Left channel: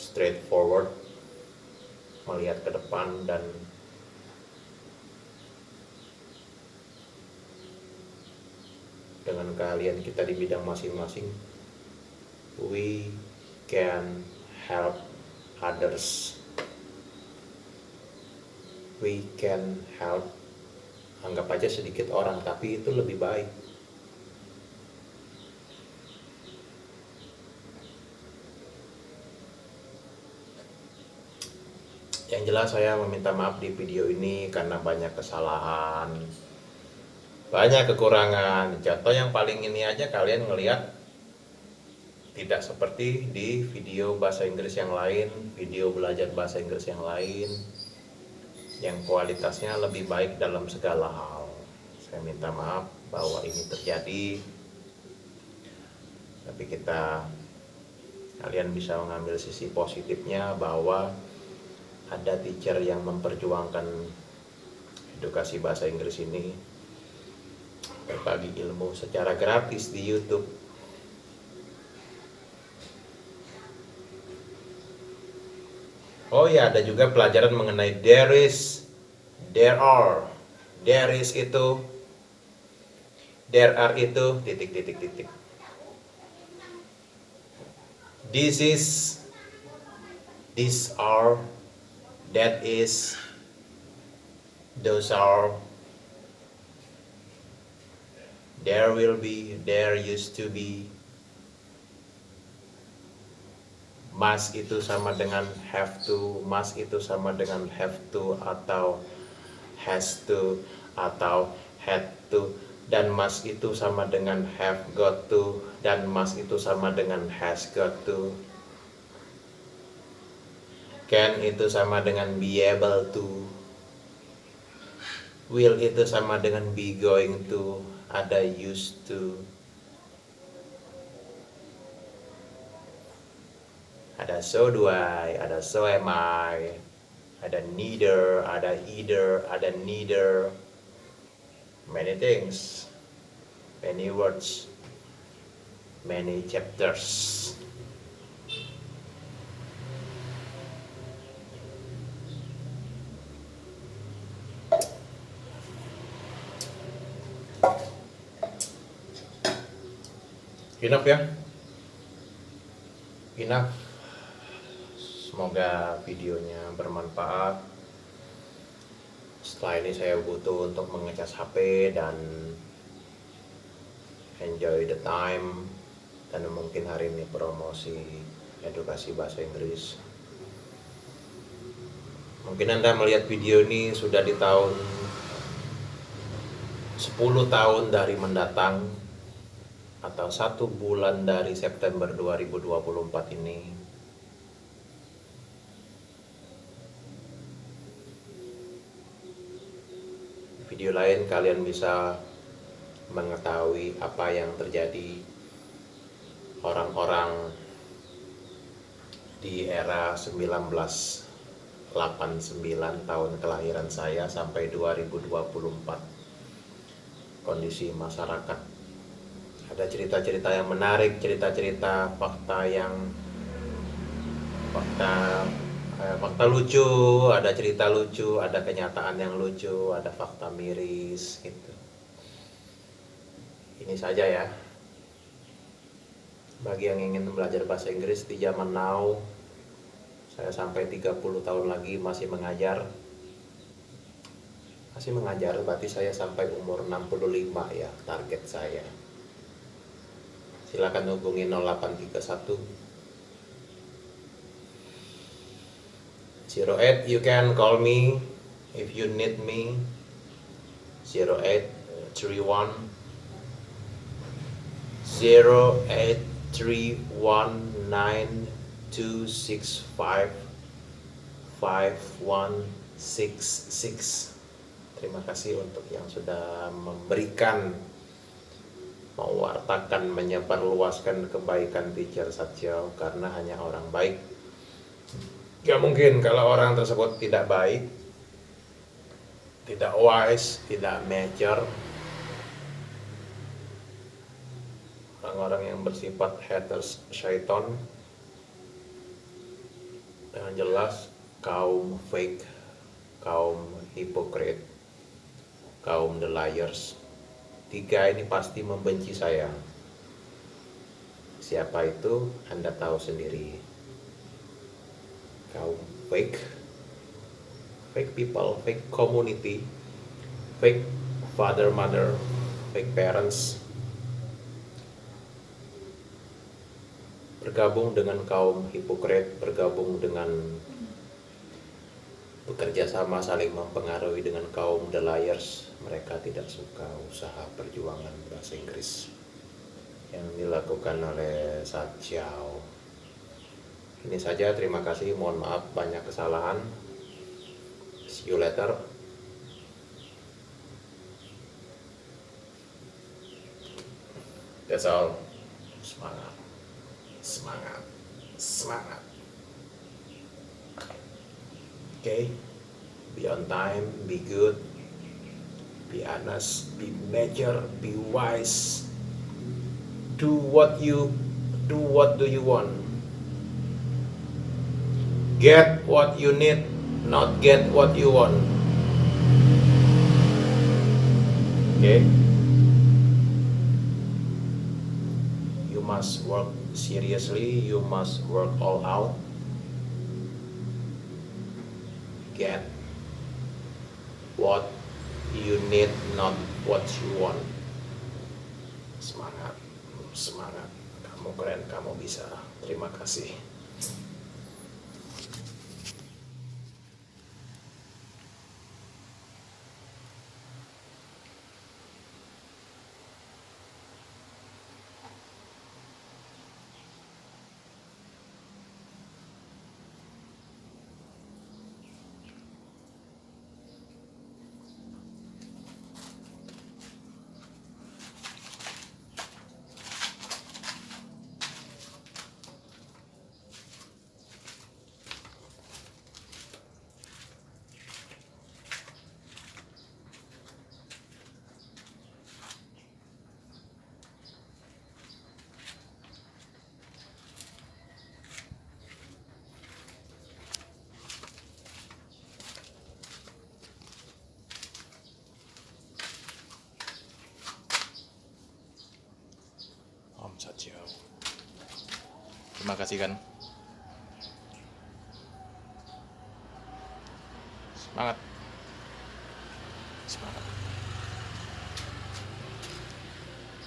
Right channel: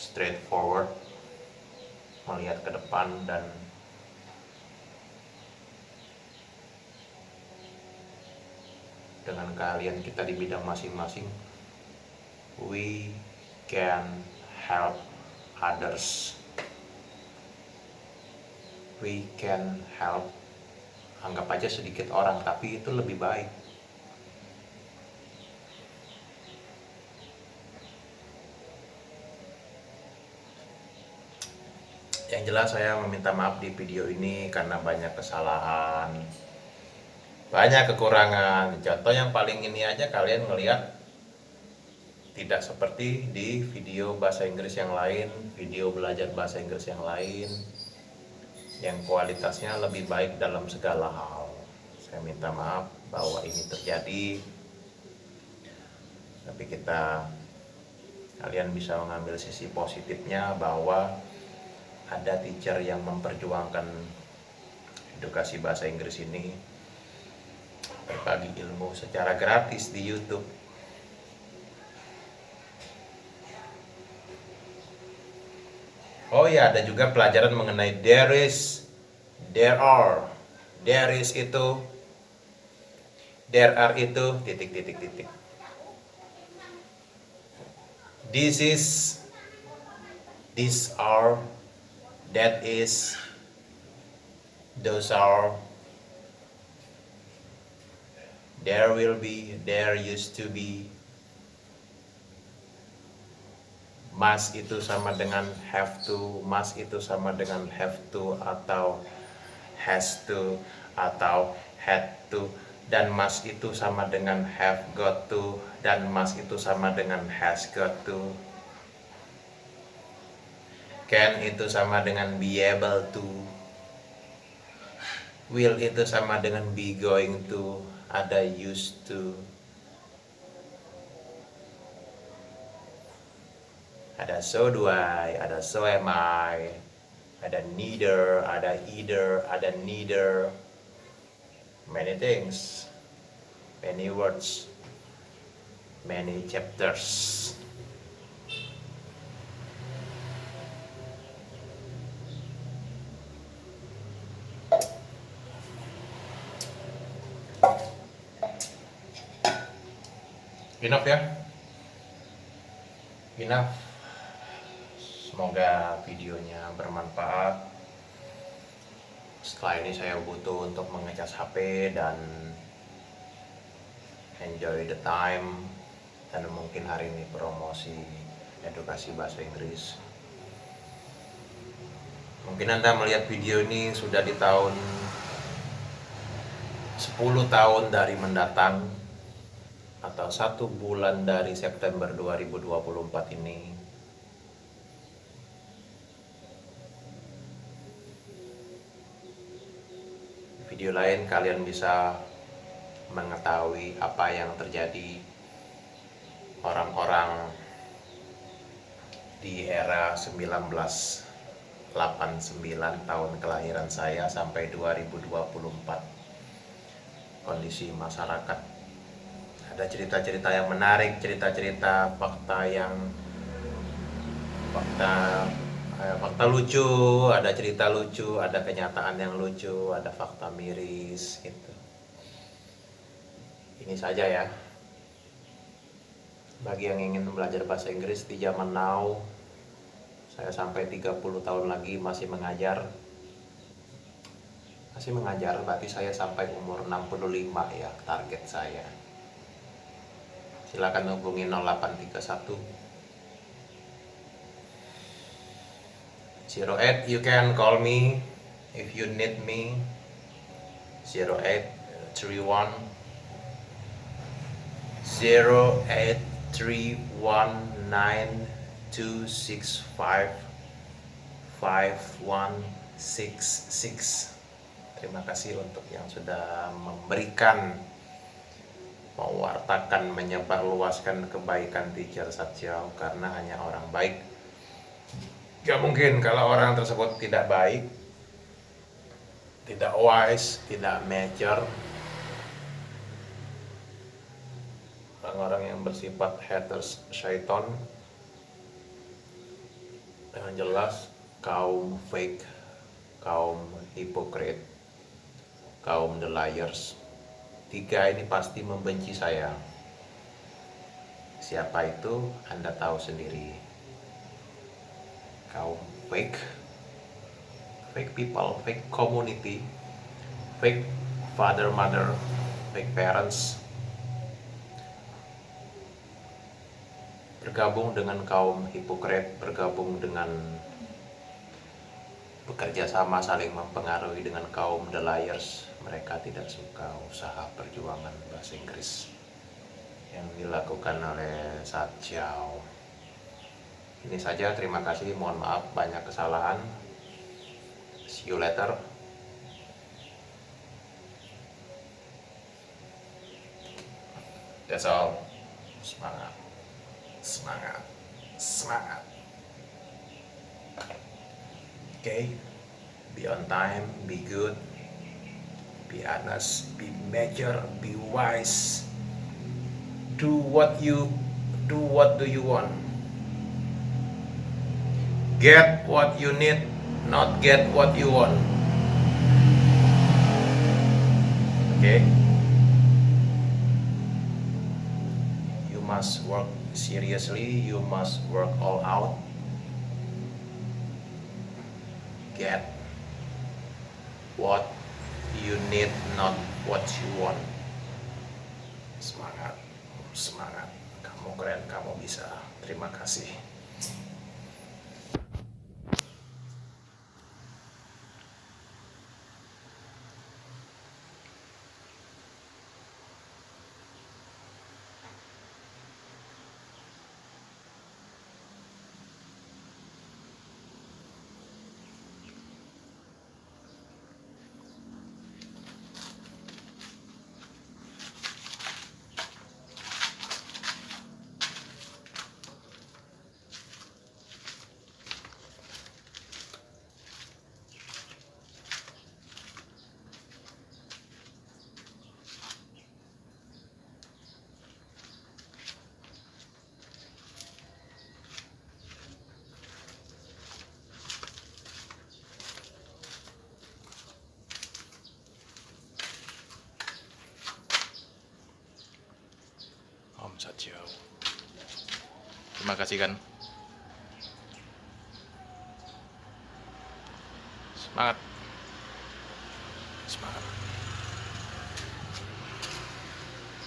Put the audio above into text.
straightforward, melihat ke depan, dan dengan keahlian kita di bidang masing-masing, we can help others. We can help, anggap aja sedikit orang, tapi itu lebih baik. Yang jelas saya meminta maaf di video ini karena banyak kesalahan, banyak kekurangan. Contoh yang paling ini aja kalian ngelihat tidak seperti di video bahasa Inggris yang lain, video belajar bahasa Inggris yang lain, yang kualitasnya lebih baik dalam segala hal. Saya minta maaf bahwa ini terjadi, tapi kalian bisa mengambil sisi positifnya bahwa ada teacher yang memperjuangkan edukasi bahasa Inggris ini, berbagi ilmu secara gratis di YouTube. Oh ya, ada juga pelajaran mengenai there is, there are. There is itu, there are itu, titik titik titik. This is, these are, that is, those are, there will be, there used to be. Must itu sama dengan have to, must itu sama dengan have to atau has to atau had to, dan must itu sama dengan have got to, dan must itu sama dengan has got to. Can itu sama dengan be able to. Will itu sama dengan be going to, ada used to. Ada so do I, ada so am I, ada neither, ada either, ada neither. Many things, many words, many chapters. Enough ya, enough. Semoga videonya bermanfaat. Setelah ini saya butuh untuk mengecas HP dan enjoy the time, dan mungkin hari ini promosi edukasi bahasa Inggris. Mungkin Anda melihat video ini sudah di tahun 10 tahun dari mendatang, atau 1 bulan dari September 2024 ini. Di video lain kalian bisa mengetahui apa yang terjadi orang-orang di era 1989 tahun kelahiran saya sampai 2024. Kondisi masyarakat, ada cerita-cerita yang menarik, cerita-cerita fakta lucu, ada cerita lucu, ada kenyataan yang lucu, ada fakta miris gitu. Ini saja ya, bagi yang ingin belajar bahasa Inggris di zaman now. Saya sampai 30 tahun lagi masih mengajar, berarti saya sampai umur 65 ya target saya. Silakan hubungi 0831 08, you can call me if you need me. 0831 08319265 5166. Terima kasih untuk yang sudah memberikan, mewartakan, menyebarluaskan kebaikan teacher Satya, karena hanya orang baik. Gak mungkin kalau orang tersebut tidak baik, tidak wise, tidak mature. Orang-orang yang bersifat haters syaiton, Yang jelas kaum fake, kaum hipokrit, kaum the liars, tiga ini pasti membenci saya. Siapa itu Anda tahu sendiri. Kaum fake, fake people, fake community, fake father mother, fake parents, bergabung dengan kaum hipokrit, bergabung dengan bekerja sama saling mempengaruhi dengan kaum the liars. Mereka tidak suka usaha perjuangan bahasa Inggris yang dilakukan oleh Satchao. Ini saja, terima kasih, mohon maaf banyak kesalahan. See you later. That's all. Semangat, semangat, semangat. Okay, be on time, be good, be honest, be mature, be wise. Do what do you want. Get what you need, not get what you want. Okay? You must work seriously, you must work all out. Get what you need, not what you want. Semangat, semangat. Kamu keren, kamu bisa. Terima kasih. Om Satchao. Terima kasih kan. Semangat. Semangat.